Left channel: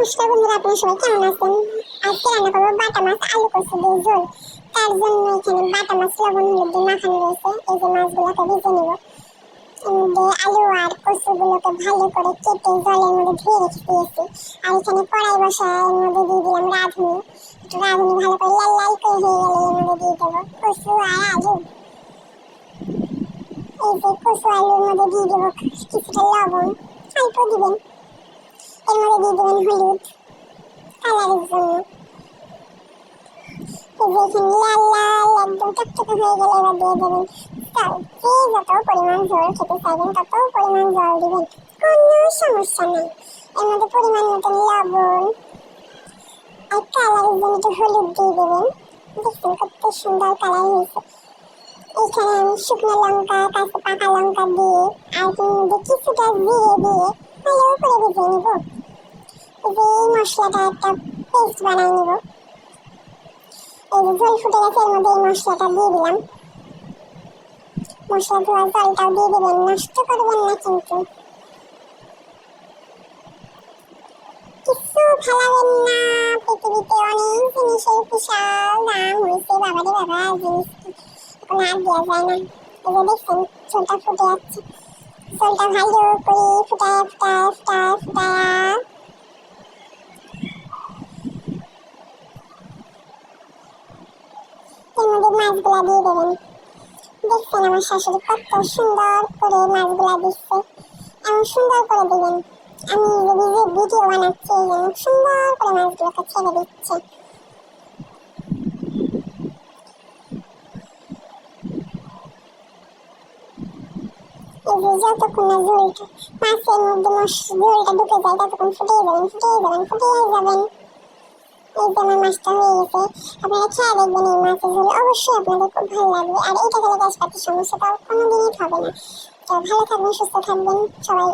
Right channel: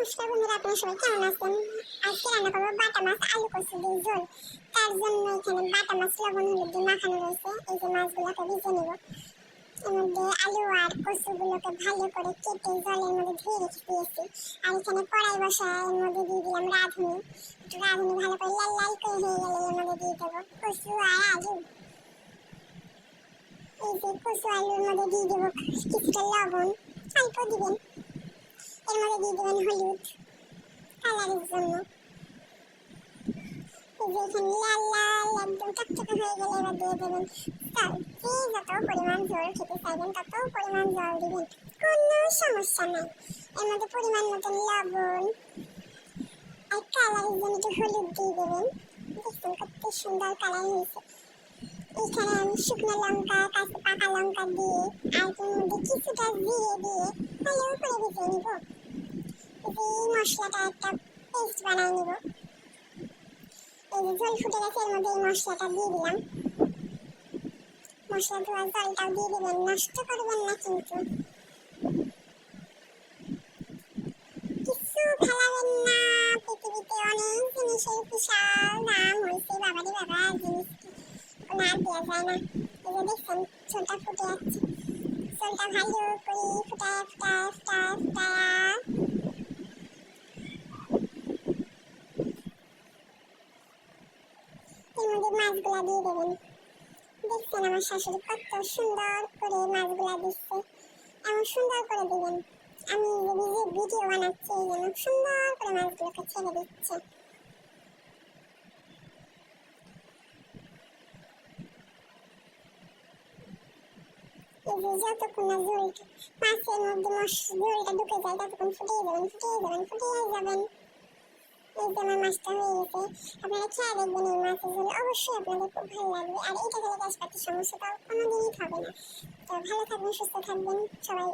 নমস্কার বন্ধুরা, আপনারা সবাই কেমন আছেন? আজকে রান্না করবো বাটা মাছ আলু কচু দিয়ে ঝোল। তার জন্য এখানে বাটা মাছ লবণ হলুদ দিয়ে মাখানো রয়েছে। এই যে মাছগুলোকে ভেজে নেব। এর মধ্যে আলু আর কচুগুলোকে ভালো করে কেটে জলের মধ্যে ধুয়ে রেখে দিয়েছি। আর এখানে কড়াই বসায় এর মধ্যে দিয়ে দিলাম রাঁধুনি। একটু রাঁধুনি ভালো করে লাল লাল করে হয়ে গেলে এর মধ্যে দিয়ে দেবো কচু আর আলু। এই যে কচু আলুর মধ্যে দিয়ে দেবো কিছুটা লবণ, অল্প দিবেন। এর মধ্যে দিয়ে দেবেন হলুদ কালারের জন্য। এখানে লাল লাল একদম টকটকে হয়ে গেলে এবার দিয়ে দেবেন চাল। যে যত পরিমাণ ঝোল খেতে চাইবেন তত পরিমাণ জল দিবেন, কোনো সমস্যা নেই। এর মধ্যে পরিমাণ মতন লবণ আর কালারের জন্য একটু হলুদ দিয়ে দেবেন। দেখছেন কত সুন্দর কালার হয়েছে। এখানে আমি শুকনো লঙ্কা কাঁচা পাকা লঙ্কা দিয়ে আর কিছুটা জিরে দিয়ে ভালো করে ভেজে নিব। এই মশলাটা একটা পেস্ট বানিয়ে নিব। এই যে ঝোল ফুটে গেছে, এর মধ্যে এই মশলাটা দিয়ে দিলাম। মশলা ধোয়া জলটাও দিয়ে দেবেন, নষ্ট করবেন না কিন্তু। কিছু ফেলাবেন না, পৃথিবীতে অনেক জিনিসের বিশাল দাম হয়েছে। বাবারে বাবা, জিনিস এখন আর দেওয়া যায় না। এই যে দেখছেন ঝোলটা ফুটে যাচ্ছে। ঝোলটা ভালো করে ফুটায় ফুটায় ফুটায় ফুটায় এর মধ্যে মাছগুলা দিয়ে দেবেন। দেখছেন আমার শাশুড়ি কত সুন্দর করে মাছগুলা দিচ্ছে। এমন সুন্দর করে দিবেন। আমি যে ভিডিও বানাচ্ছি এই জন্য সুন্দর করে মাছগুলোকে ছেড়ে দিচ্ছে। এই যে যতক্ষণ না ঝোলটা মাছের মধ্যে ঝোলটা ঢুকে যায় ততক্ষণ ফুটিয়ে যাবেন ফুটিয়ে যাবেন ফুটিয়ে যাবেন। এই যে আমার মাছটা হয়ে গেছে। আপনারা খেয়ে দেখবেন এই মাছের ঝোল, অবশ্যই আপনাদের খুব ভালো লাগবে। আর এটা খেলে গ্যাস পাতির সমস্যা তো কোনোদিনই হবে না। তো ভালো থাকবেন, সুস্থ থাকবেন সবাই।